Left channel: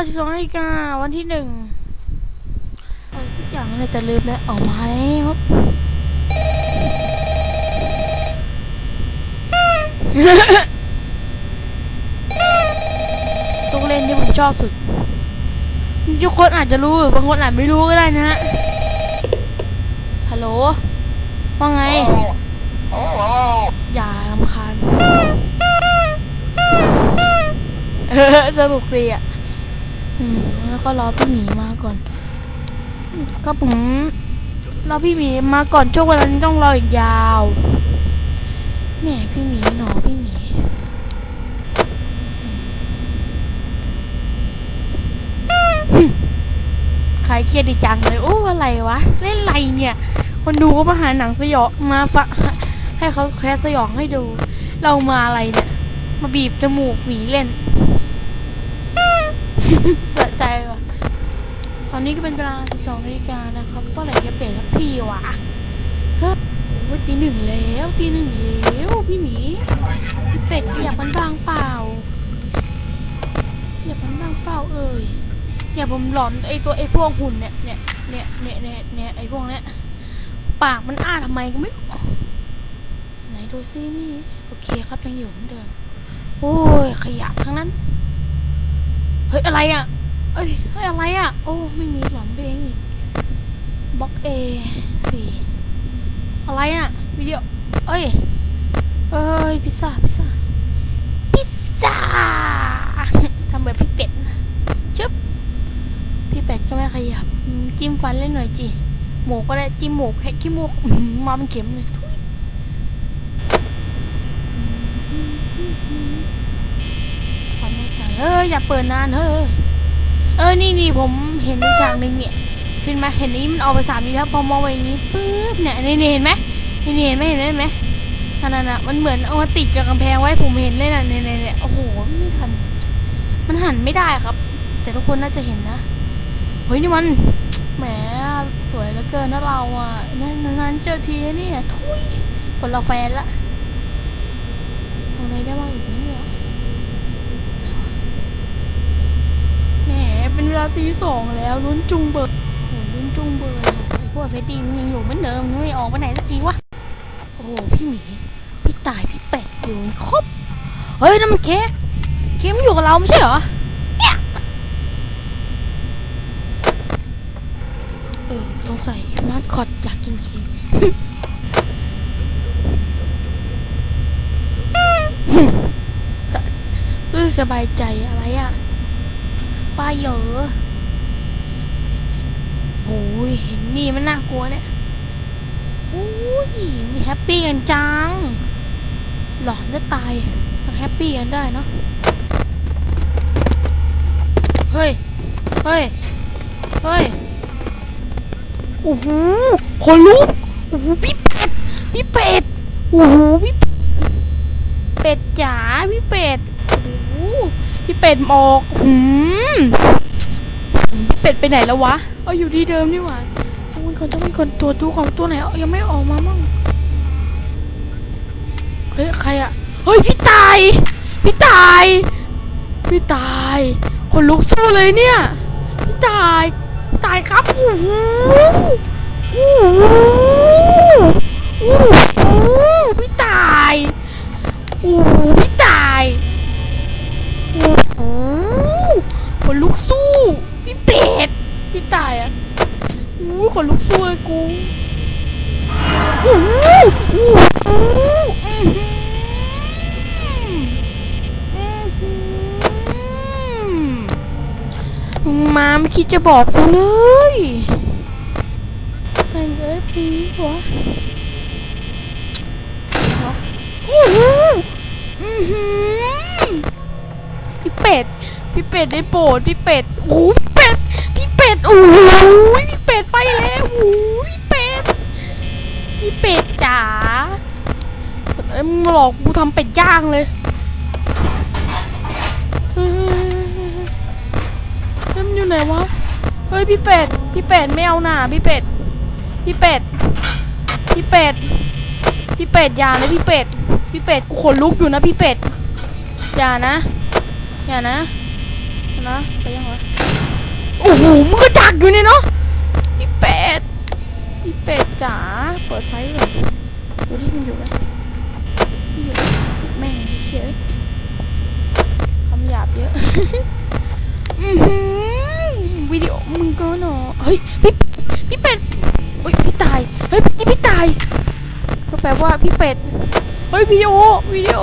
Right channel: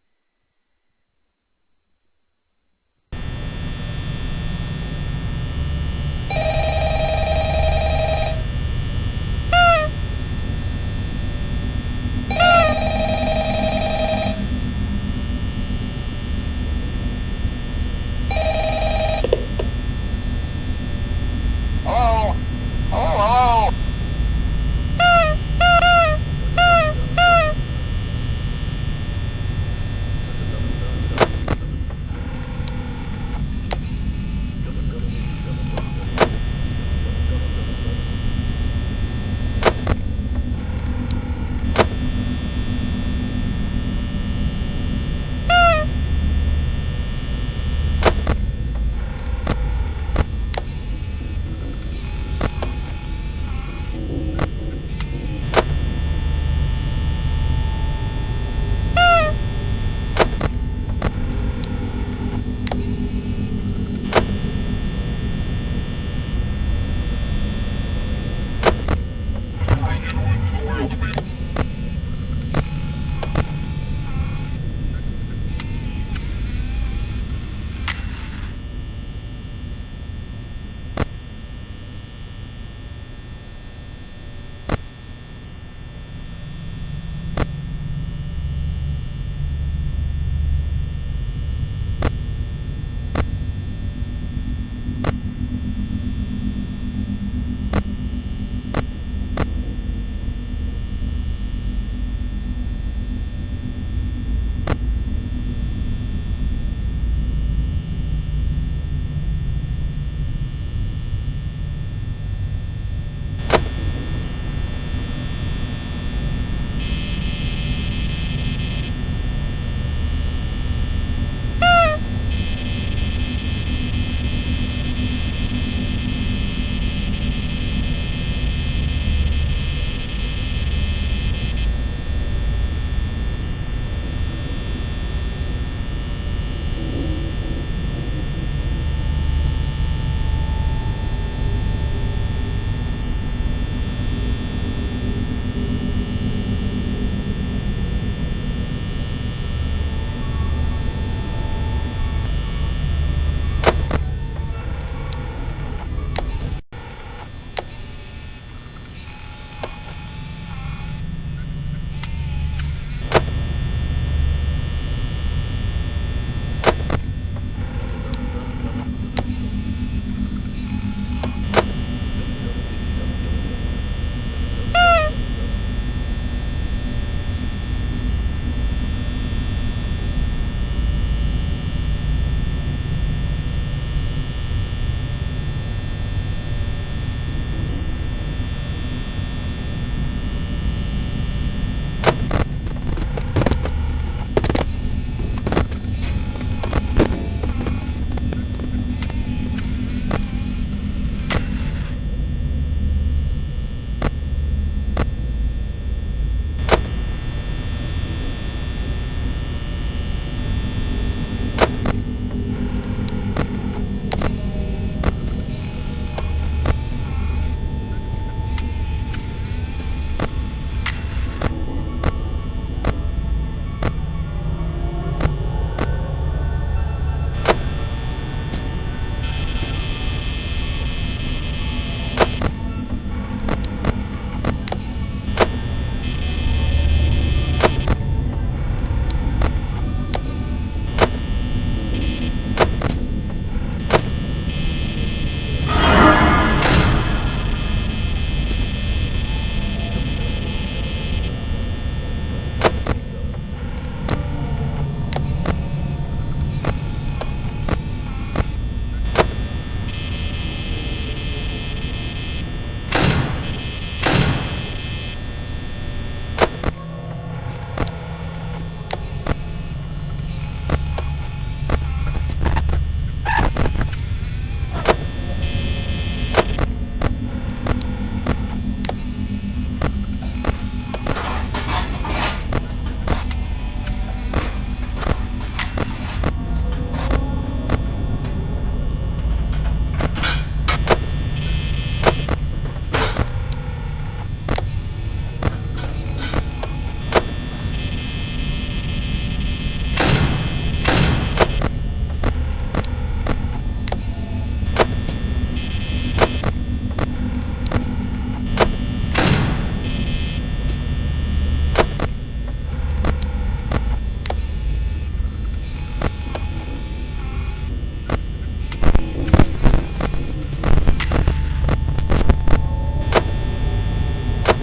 ก็สิบสองนาฬิกาวันที่หนึ่งอะไรสักอย่างเลยแต่ลืมแล้วเอาไหมครับลูกเล่นที่ผมชอบสุด ทุกคนอาจจะรู้ บางคนอาจไม่รู้ก็ได้นะฮะ ฮัลโหล ว่าไง อย่ารำคาญเออสนุกดีอะ แล้วก็รอพี่หมีมาก่อน ก็ผมรอพี่หมีมาก่อนช่วงเวลานี้ต้องรออีกยาวแหม่พี่หมีหนอพี่หมีขายเครียดดีจังเลยโอ้อะไรวะเล่นอะไรเนี่ย คนดูก็มาหาหนังสยองมาฟะให้เขาแคสสยองให้ดู เรามาอะไรเนี่ยมาบีบจมูกหมีเล่น เปิดใจว่ะตอนนี้ก็เป็นเวลาสองนาฬิกานะครับก็เลยจะเปลี่ยนสักทีวะเฮ้ยวันตีหนึ่งแล้วตีหนึ่งแล้วพี่หมีเป็ดอยากมันบางเปล่าอยากมันบางเปล่าเอ่ยเนี่ยผมหลอนไอตัวไอพวกหุ่นเนี่ยเนี่ยเนี่ยเนี่ยเนี่ยเนี่ยไอพวกเนี้ยปากมันอ้าทำไมก็ไม่ไหนดูซินี่โอเคครับยังอยู่เหมือนเดิมโอ้ยขยะทั้งนั้น เฮ้ย อะไรอะ เอ้ยเฮ้ยอะไรอะ โอ้ ไม่มีหลอนเพลงบล็อกเอสี่อะไรอะ วิดีโอ เอ้ย เอ้ย พิซซ่า พิซซ่า พิซซ่า ทำแบบพี่เป็ดจึ๊บ พี่เป็ดก็ไม่ขยับ จิ้มฟันเล่นหน่อยจีหมูก็ได้จิ้มหมูแค่ขี้มูกมาเป็นเข็มเลย เอออย่าเปิดนานเฮ้ยเออนี่นี่ผมเห็นอีกอย่างหนึ่งเนี่ยขึ้นมาเห็นนี้มันออกไปสามนี้แล้วพอมองไปนี้ปึ๊บเนี่ยนี่นี่เห็นไหมนี่นี่เห็นไหมเห็นไหมเห็นไหมนั่นน่ะมันเหมือนเอามาติดกับกำแพงไว้ผมเห็นเลยน่ะเนี่ยเนี่ยเนี่ยโอ้โหมันหันไม่ได้ครับ แต่ทุกคนน่าจะเห็นนะเฮ้ยนี่มันแหมสวยเหลือเกินนะเราอะนั่นนั้นเจอทีนี่อะทุยคนเราแฟนละทำไงได้บ้างเนี่ยแหมเป็นเวลาตีส องแล้วลุ้นจุงเบิกลุ้นจุงเบิกพวกเฟตี้มันยังอยู่เหมือนเดิมไม่ออกไปไหนสักทีวะโอ้โหพี่หมีพี่ตายพี่เป็ดอยู่ครบเฮ้ยนั่นมันเค้กเค้กมันอยู่กับเราไม่ใช่เหรอเออสงสัยมาสคอตอยากกินเค้กรู้สึกสบายใจอะไรอะป้าเยอโอ้ยเห็นนี่มันน่ากลัวเนี่ยโอ้ยมีแฮปปี้กันจัง หลอนจะตายแฮปปี้กันได้เนาะเฮ้ย เฮ้ย เฮ้ย โอ้โหคนลุกโอ้โหพี่เป็ด พี่เป็ด โอ้โหพี่เป็ดจ๋า พี่เป็ดโอ้โหพี่เป็ดหมอกหืมเป็ดไปไหนแล้ววะ เอาอยู่ที่เดิมนี่หว่าต้องมีคนต้องมีคนตัวดูของตัวไหนยังไม่ออกมามั่งเฮ้ยใครอะเฮ้ยพี่ตายพี่ตายพี่ตายคนลุกสู้เลยเนี่ยพี่ตายตายครับโอ้โหโอ้โห จะบอกกูเลยเป็นเอฟพีหัวอื้อหืออื้อหือพี่เป็ด พี่เป็ดได้โปรดพี่เป็ด โอ้โหเป็ด พี่เป็ด โอ้โหพี่เป็ดไปแล้วโอ้โหเป็ด พี่เป็ดจ๋าเอ้ยมึงหลอกกูทำเป็ดย่างเลยเฮ้ยมันอยู่ไหนวะ ยพี่เป็ด พี่เป็ดไม่เอาหน่าพี่เป็ด พี่เป็ด พี่เป็ด พี่เป็ดอย่านะพี่เป็ด พี่เป็ดกูขนลุกอยู่นะพี่เป็ด อย่านะ อย่านะ นะไปยังวะโอ้โหมือจักอยู่เนี่ยเนาะพี่เป็ด พี่เป็ดจ๋าเปิดไฟเลยไม่ได้ยินอยู่อะแม่งเชื่อคำหยาบเยอะ อื้อหือวิดีโอมึงก็หนอเฮ้ยพี่พี่เป็ดเฮ้ยพี่ตายเฮ้ยพี่พี่ตายก็แปลว่าพี่ เป็ด เฮ้ยวิดีโอวิดีโอ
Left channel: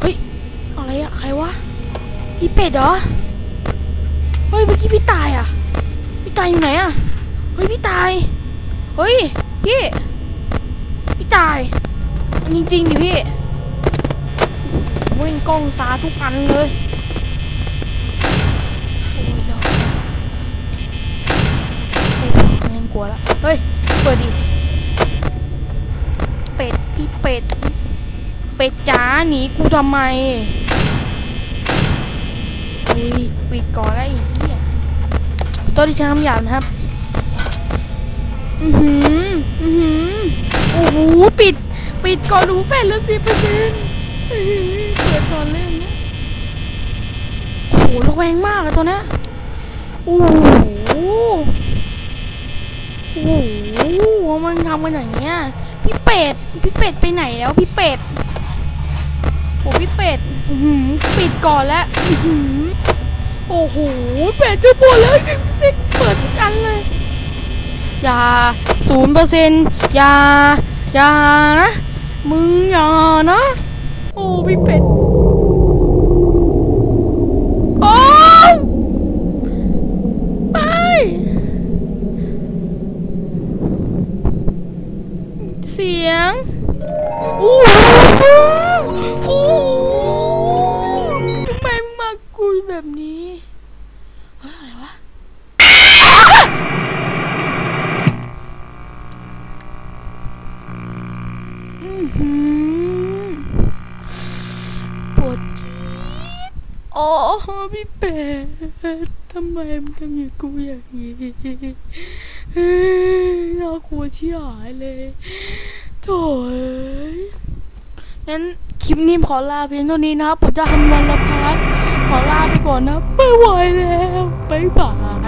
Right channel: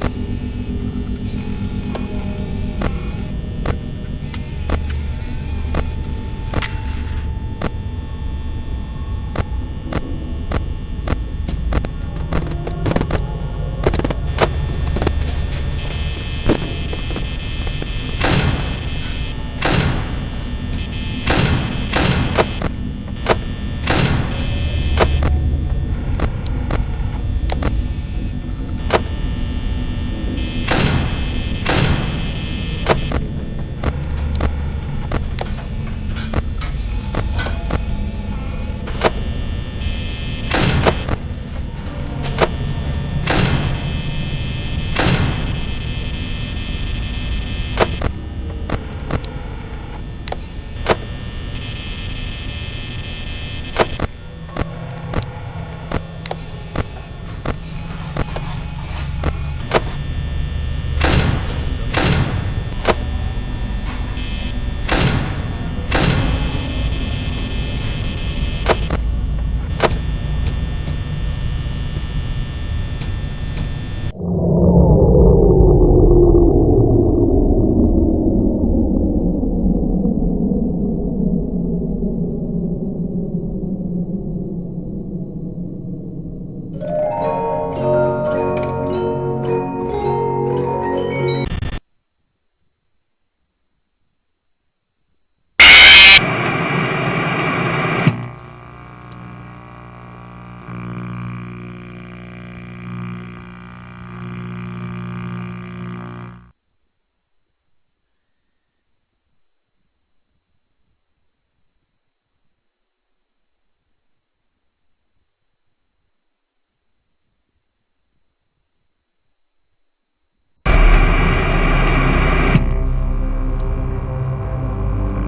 เฮ้ย อะไรอะใครวะพี่เป็ดเหรอ เฮ้ยเมื่อกี้พี่ตายอะพี่ตายอยู่ไหนอะเฮ้ยพี่ตาย เฮ้ยพี่พี่ตาย จริงๆดิพี่เว้ยกล้องซาทุกอันเลย ทำไมปิดก่อนแล้วไอ้เหี้ยตัวที่ใช้คำหยาบนะครับ อือหือ อือหือ โอ้โห ปิด ปิดก่อนหูเป็ดแล้วสิเพื่อนเล่นโอ้โหระแวงมากเลยตัวนี้โอ้โห โอ้โห มันทำกันอย่างเนี้ยพี่เป็ด พี่เป็ดไปไหนแล้วพี่เป็ด พี่เป็ดหือปิดก่อนแล้วโอ้โหเป็ดจะปวดแล้วเปิดกอันเลยอย่าศูนย์เปอร์เซ็นต์อย่าอย่านะมึงอย่านะ โอ้พี่เป็ด ไมมันทำอย่างกูอย่างนี้เฮ้ยน่ากลัวชิบหายเลยโถ่เอ้ยงั้นคลิปนี้ขอลาเพียงเท่านี้นะครับผมจะทำงานนะครับขอลาไปก่อนนะไม่ไหวแล้วบ๊ายบาย